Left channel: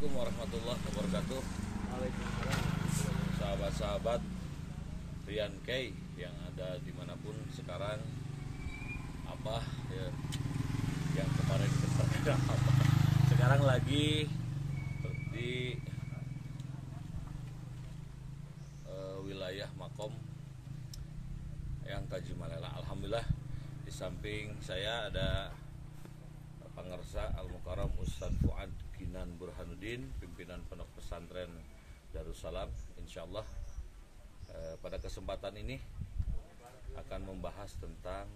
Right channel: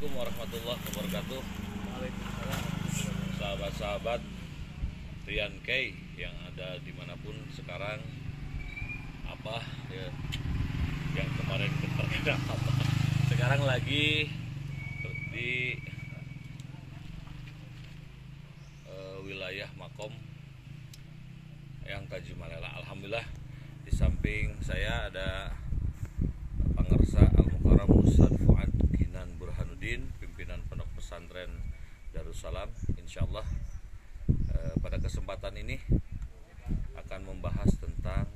Assalamualaikum warahmatullahi wabarakatuh. Waalaikumsalam. Sahabat-sahabat Rian K yang ada dimanapun sekarang, apa ya yang kemarin terkena apa, sekarang lagi di wilayah Makom yang Tajimalela. Alhamdulillah, di samping saya ada Pangersa Al-Mukarram Ustaz Fuad Ginan Burhanuddin, pimpinan Pondok Pesantren Darussalam. Insyaallah pada kesempatan ini akan membahas tentang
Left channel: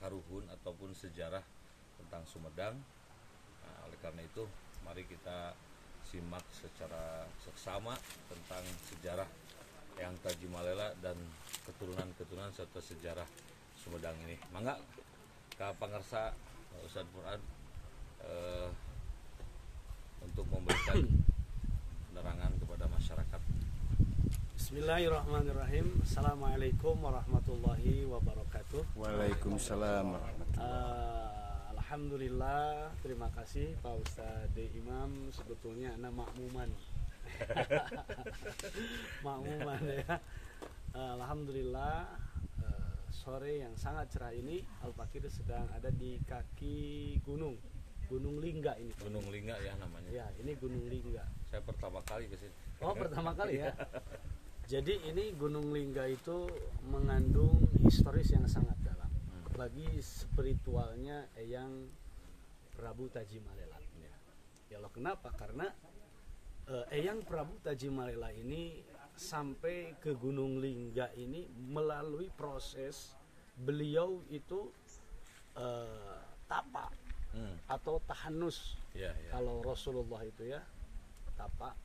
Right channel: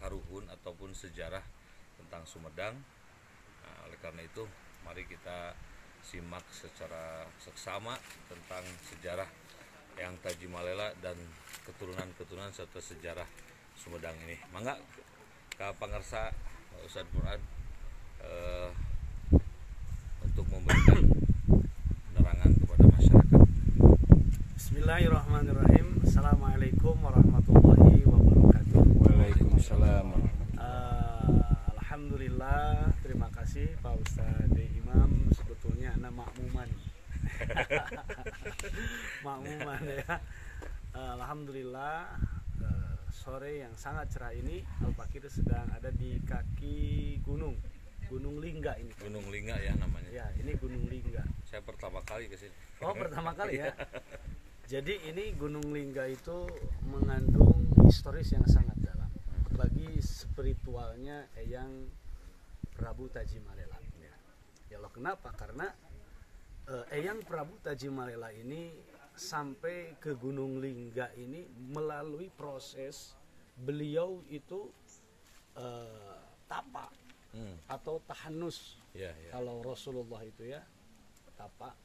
karuhun ataupun sejarah tentang Sumedang. Nah, oleh karena itu mari kita simak secara seksama tentang sejarah yang Tajimalela dan keturunan-keturunan serta sejarah Sumedang ini. Mangga Kak Pangersa Ustaz Fuad untuk memberikan penerangan kepada masyarakat. Bismillahirrahmanirrahim. Assalamualaikum warahmatullahi wabarakatuh. Waalaikumsalam. Alhamdulillah, terima kasih Pak Ustadz Imam. Sebetulnya anak makmuman. Makmuman ya. Alhamdulillah, sore yang sangat cerah ini Al-Fakir sedang ada di kaki Gunung Lingga ini. Gunung Lingga ya namanya. Ya, ini Gunung Lingga. Saya pertama kali ke sini. Oh, pertama kali ya. Jadi ini Gunung Lingga itu mengandung historis yang sangat dalam bagi spiritualnya Eyang Prabu Tajimalela. Ya Allah, kenapa? Karena Eyang Prabu Tajimalela ini sampai ke Gunung Lingga ini melalui proses beliau itu tapa atau tahanus. Ya. Kalau Rasulullah itu ya tapa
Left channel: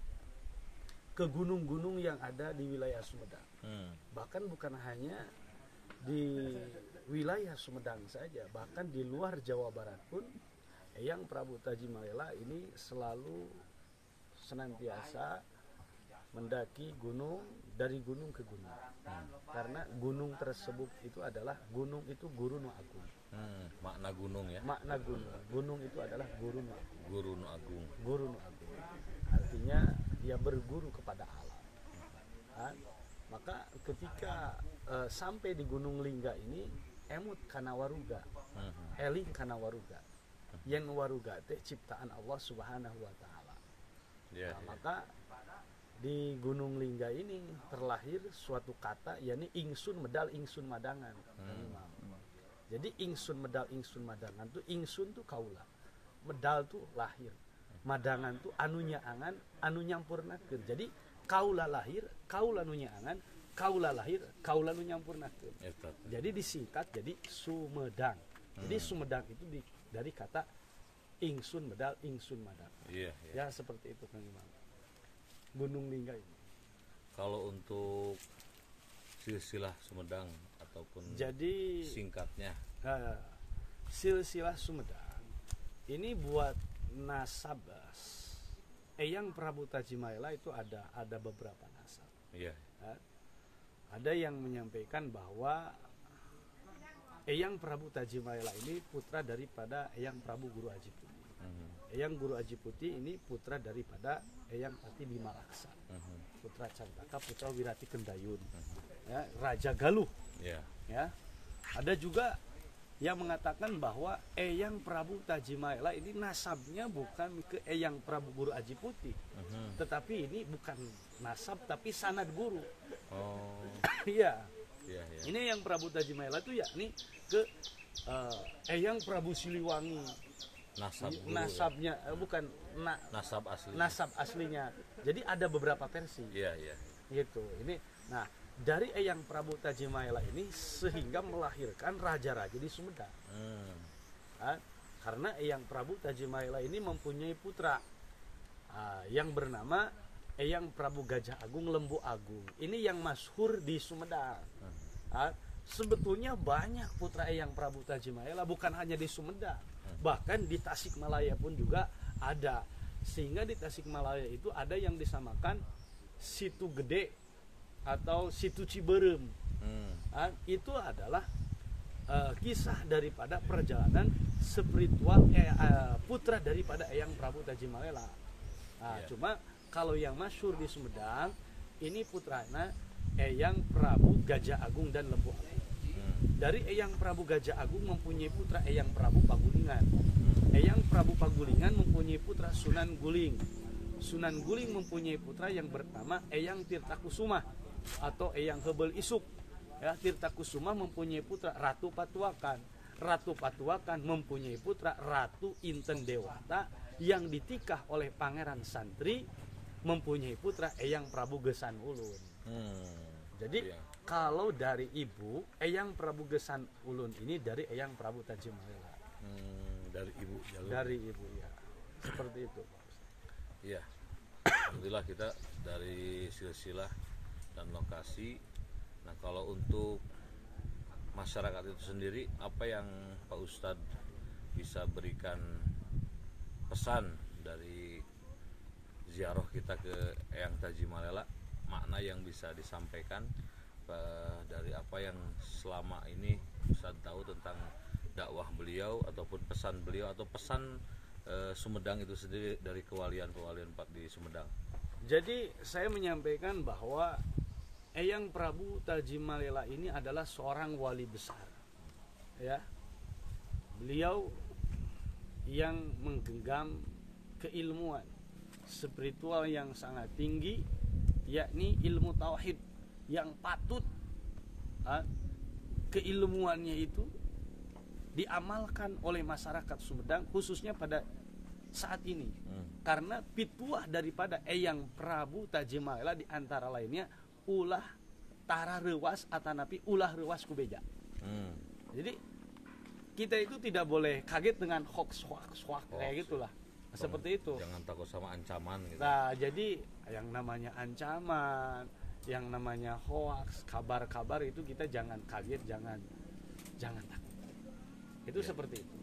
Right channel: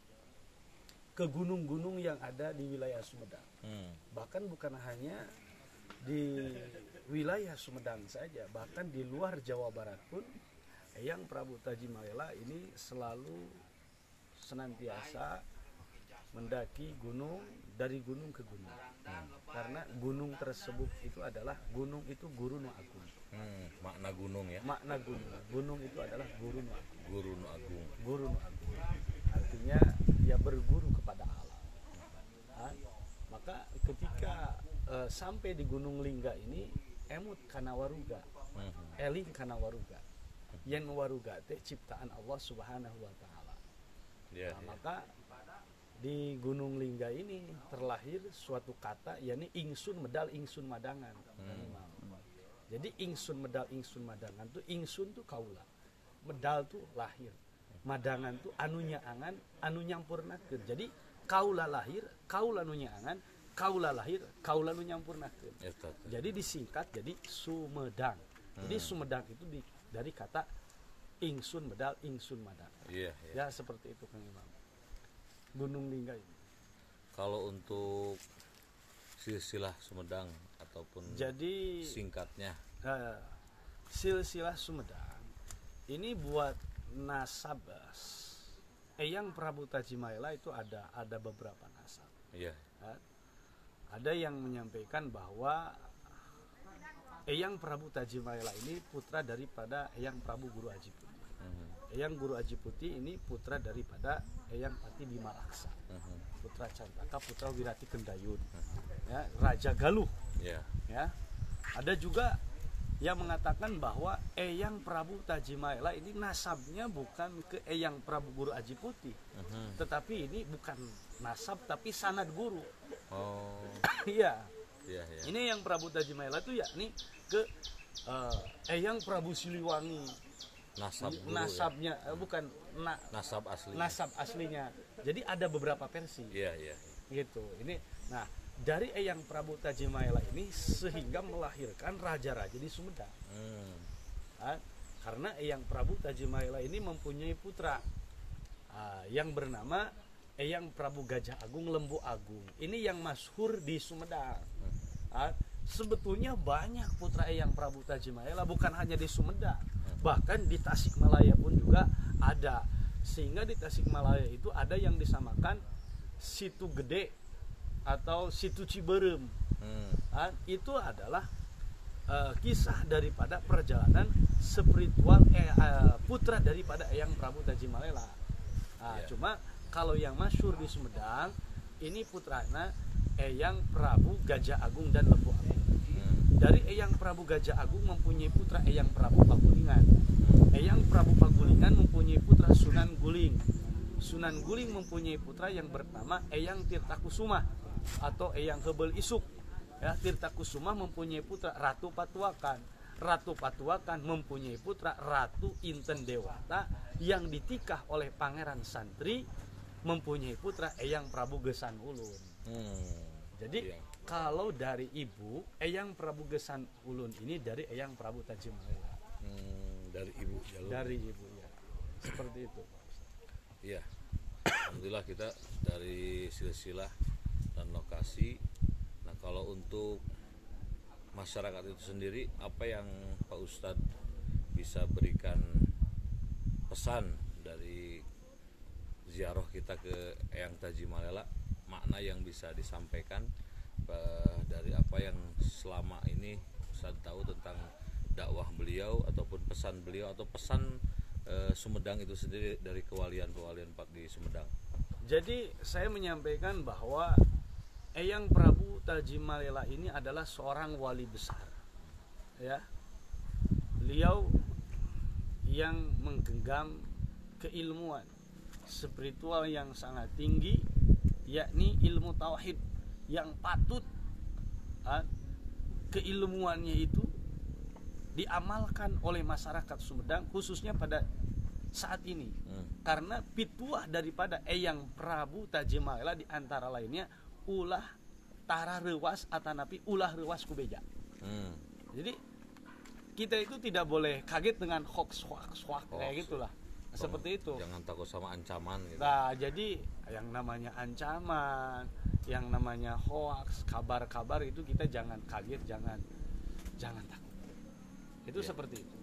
ke gunung-gunung yang ada di wilayah Sumedang. Bahkan bukan hanya di wilayah Sumedang saja, bahkan di luar Jawa Barat pun Eyang Prabu Tajimalela ini selalu senantiasa mendaki gunung, dari gunung ke gunung. Karena gunung tersebut itu adalah gunung itu Guru Nu Agung. Makna gunung ya. Makna gunung itu adalah Guru Nu Agung. Guru Nu Agung. Guru Nu Agung. Artinya dia berguru kepada alam. Maka ketika sampai di Gunung Lingga ini emut kana waruga. Eling kana waruga. Yen waruga teh ciptaan Allah Subhanahu wa taala. Maka di Gunung Lingga ini terlahir suatu kata, yakni ingsun medal ingsun madangan. Jadi ingsun medal ingsun madangan tuh, ingsun tuh kaula, medal tuh lahir, madangan tuh anu nyaangan anu nyampurnakeun. Jadi kaula lahir, kaula nu nyaangan, kaula lahir, kaula nu nyampurnakeun. Jadi disingkat jadi Sumedang. Jadi Sumedang itu dari kata ingsun medal ingsun madangan. Ya seperti itu Kang Imam. Gunung Lingga ini. Kalau untuk silsilah Sumedang ataupun jadi singkatnya, silsilah Sumedang ini buat nasab Eyang Prabu Tajimalela itu ada beberapa nasab. Ada yang menyampaikan bahwa Eyang Prabu Tajimalela ini putra daripada Eyang Prabu Guru Aji Putih. Eyang Guru Aji Putih ini putra daripada Eyang Pati Bima Laksa, putra Cantaka, putra Wirati Kendayun, ya, Raja Galuh. Ya. Ada juga yang mengatakan bahwa Eyang Prabu Tajimalela ini nasabnya bukan ke Eyang Prabu Guru Aji Putih, tetapi ini bukan nasab tapi sanad guru. Iya. Ini Eyang Prabu Tajimalela itu yakni ke Eyang Prabu Siliwangi. Nasabnya ya? Bukan nasab aslinya. Jadi ada beberapa versi. Gitu. Ini nah, dari Eyang Prabu Tajimalela ini sehingga melahirkan raja-raja di Sumedang. Karena Eyang Prabu Tajimalela ini mempunyai putra yang bernama Eyang Prabu Gajah Agung Lembu Agung. Ini yang masyhur di Sumedang. Sebetulnya banyak putra Eyang Prabu Tajimalela, bukan hanya di Sumedang, bahkan di Tasikmalaya pun juga ada. Sehingga di Tasikmalaya itu ada yang disamakan Situ Gede atau Situ Ciberem. Itu adalah kisah daripada perjalanan spiritual putra daripada Eyang Prabu Tajimalela. Cuma kalau yang masyhur di Sumedang ini putranya Eyang Prabu Gajah Agung dan Lembu Agung. Dari Eyang Prabu Gajah Agung mempunyai putra Eyang Prabu Pagulingan. Eyang Prabu Pagulingan mempunyai putra Sunan Guling. Sunan Guling mempunyai putra yang bernama Eyang Tirtakusuma atau Eyang Hebel Isuk. Ya, Tirtakusuma mempunyai putra Ratu Patuakan. Ratu Patuakan mempunyai putra Ratu Inten Dewata yang ditikah oleh Pangeran Santri mempunyai putra Eyang Prabu Gesan Ulun. Jadi kalau dari ibu Eyang Prabu Gesan Ulun ini dari Eyang Prabu Tajimalela. Dari ibu jalur. Dari ibu ya. Seperti itu, Pak. Iya. Alhamdulillah kita dari silsilah dan lokasi. Nah, kalau untuk masyarakat itu sendiri, apa yang Pak Ustadz bisa berikan pesan dari ziarah kita ke Eyang Tajimalela, makna yang bisa disampaikan dari apa yang selama ini Ustadz tahu tentang dakwah beliau ataupun pesan beliau atau pesan Sumedang itu sendiri dari kewalian-kewalian Pak di Sumedang. Jadi saya menyampaikan bahwa Eyang Prabu Tajimalela ini adalah seorang wali besar. Ya. Beliau yang menggenggam keilmuan spiritual yang sangat tinggi, yakni ilmu tauhid yang patut keilmuannya itu diamalkan oleh masyarakat Sumedang khususnya pada saat ini. Karena pituah daripada Eyang Prabu Tajimalela di antara lainnya ulah tara rewas atanapi ulah rewas kubeja. Jadi kita itu tidak boleh kaget dengan hoax kayak gitulah. Seperti itu. Jangan takut sama ancaman gitu. Nah, jadi yang namanya ancaman, yang namanya hoax, kabar-kabar itu kita jangan kaget, jangan takut. Itu seperti itu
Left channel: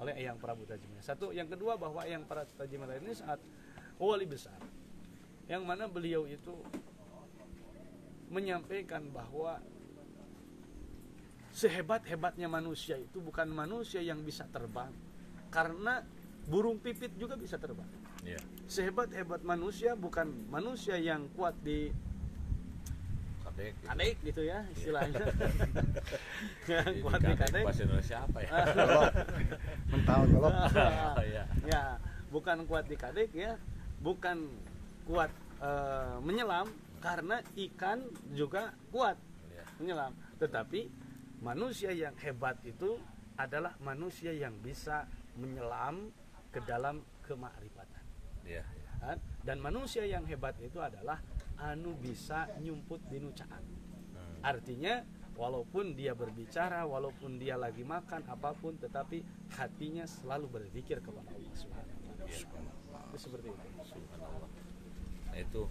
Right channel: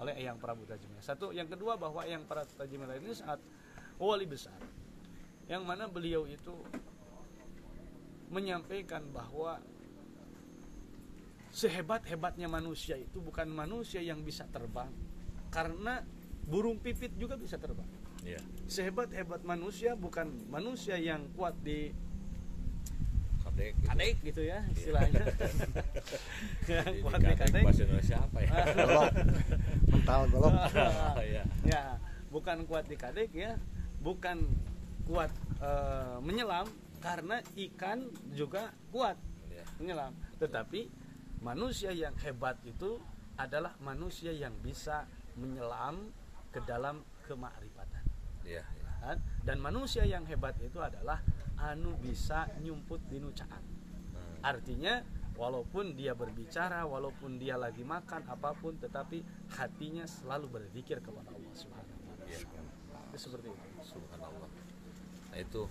oleh Eyang Prabu Tajimalela. Satu, yang kedua bahwa Eyang Prabu Tajimalela ini sangat wali besar, yang mana beliau itu menyampaikan bahwa sehebat-hebatnya manusia itu bukan manusia yang bisa terbang, karena burung pipit juga bisa terbang. Sehebat-hebat manusia bukan manusia yang kuat di kadek gitu ya istilahnya. Kuat di kadek. Bahasa Indonesia apa ya? Mental golok. Ya, bukan kuat di kadek ya, bukan kuat menyelam karena ikan juga kuat menyelam. Tetapi manusia yang hebat itu adalah manusia yang bisa menyelam ke dalam kemakrifatan. Dan manusia yang hebat itu adalah anu bisa nyumput dinu caang. Artinya walaupun dia berbicara, walaupun dia lagi makan apapun, tetapi hatinya selalu berzikir kepada Allah Subhanahu wa taala. Itu seperti itu. Subhanallah. Nah, itu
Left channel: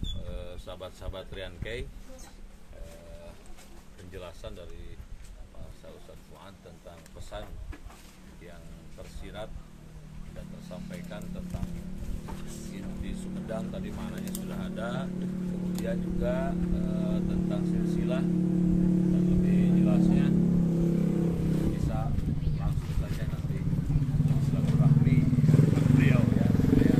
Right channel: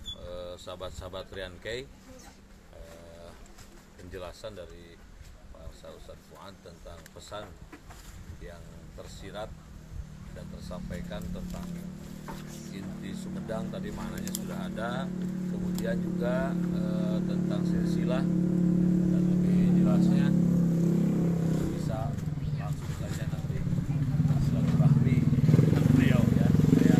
sahabat-sahabat Rian Kay, penjelasan dari Pak Ustadz Fuad tentang pesan yang tersirat dan tersampaikan tentang inti Sumedang, tadi maknanya sudah ada, kemudian juga tentang silsilah dan lebih jelasnya bisa langsung saja nanti silaturahmi dengan beliau ya, supaya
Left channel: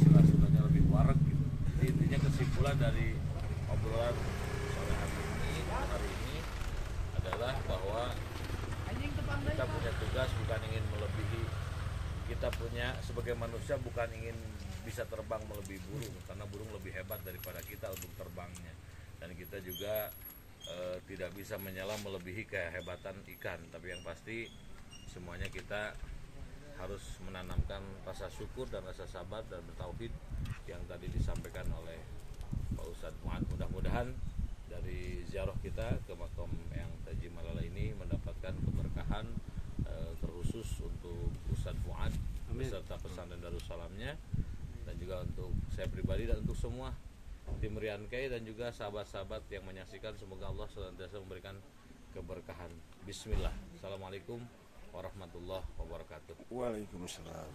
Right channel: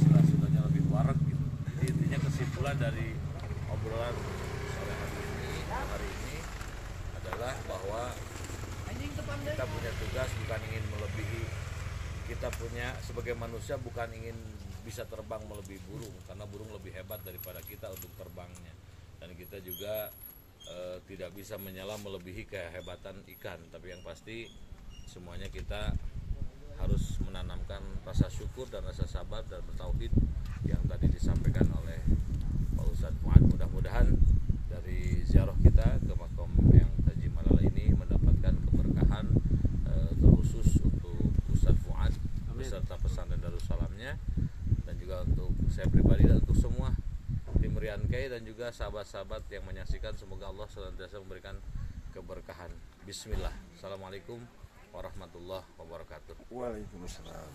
silsilahnya lebih warak gitu. Jadi intinya kesimpulan dari obrolan sore hari ini adalah bahwa kita punya tugas bukan ingin melebihi, kita punya sebagai manusia bukan ingin bisa terbang melebihi burung, karena burung lebih hebat daripada kita untuk terbangnya, dan kita juga tidak bisa menyelam melebihi kehebatan ikan. Tapi yang pasti semuanya kita harus menanamkan rasa syukur dan rasa sabar dan bertauhid yang tadi disampaikan oleh Pak Ustadz Fuad. Mudah-mudahan dari ziarah kita ke makam Eyang Tajimalela ini mendapatkan keberkahan terkhusus untuk Ustadz Fuad beserta pesantren Darussalamnya, dan juga untuk saya pribadi dan untuk semua tim Rian Kay dan juga sahabat-sahabat yang menyaksikan. Semoga Allah senantiasa memberikan keberkahan. Bismillah. Assalamualaikum warahmatullahi wabarakatuh. Waalaikumsalam.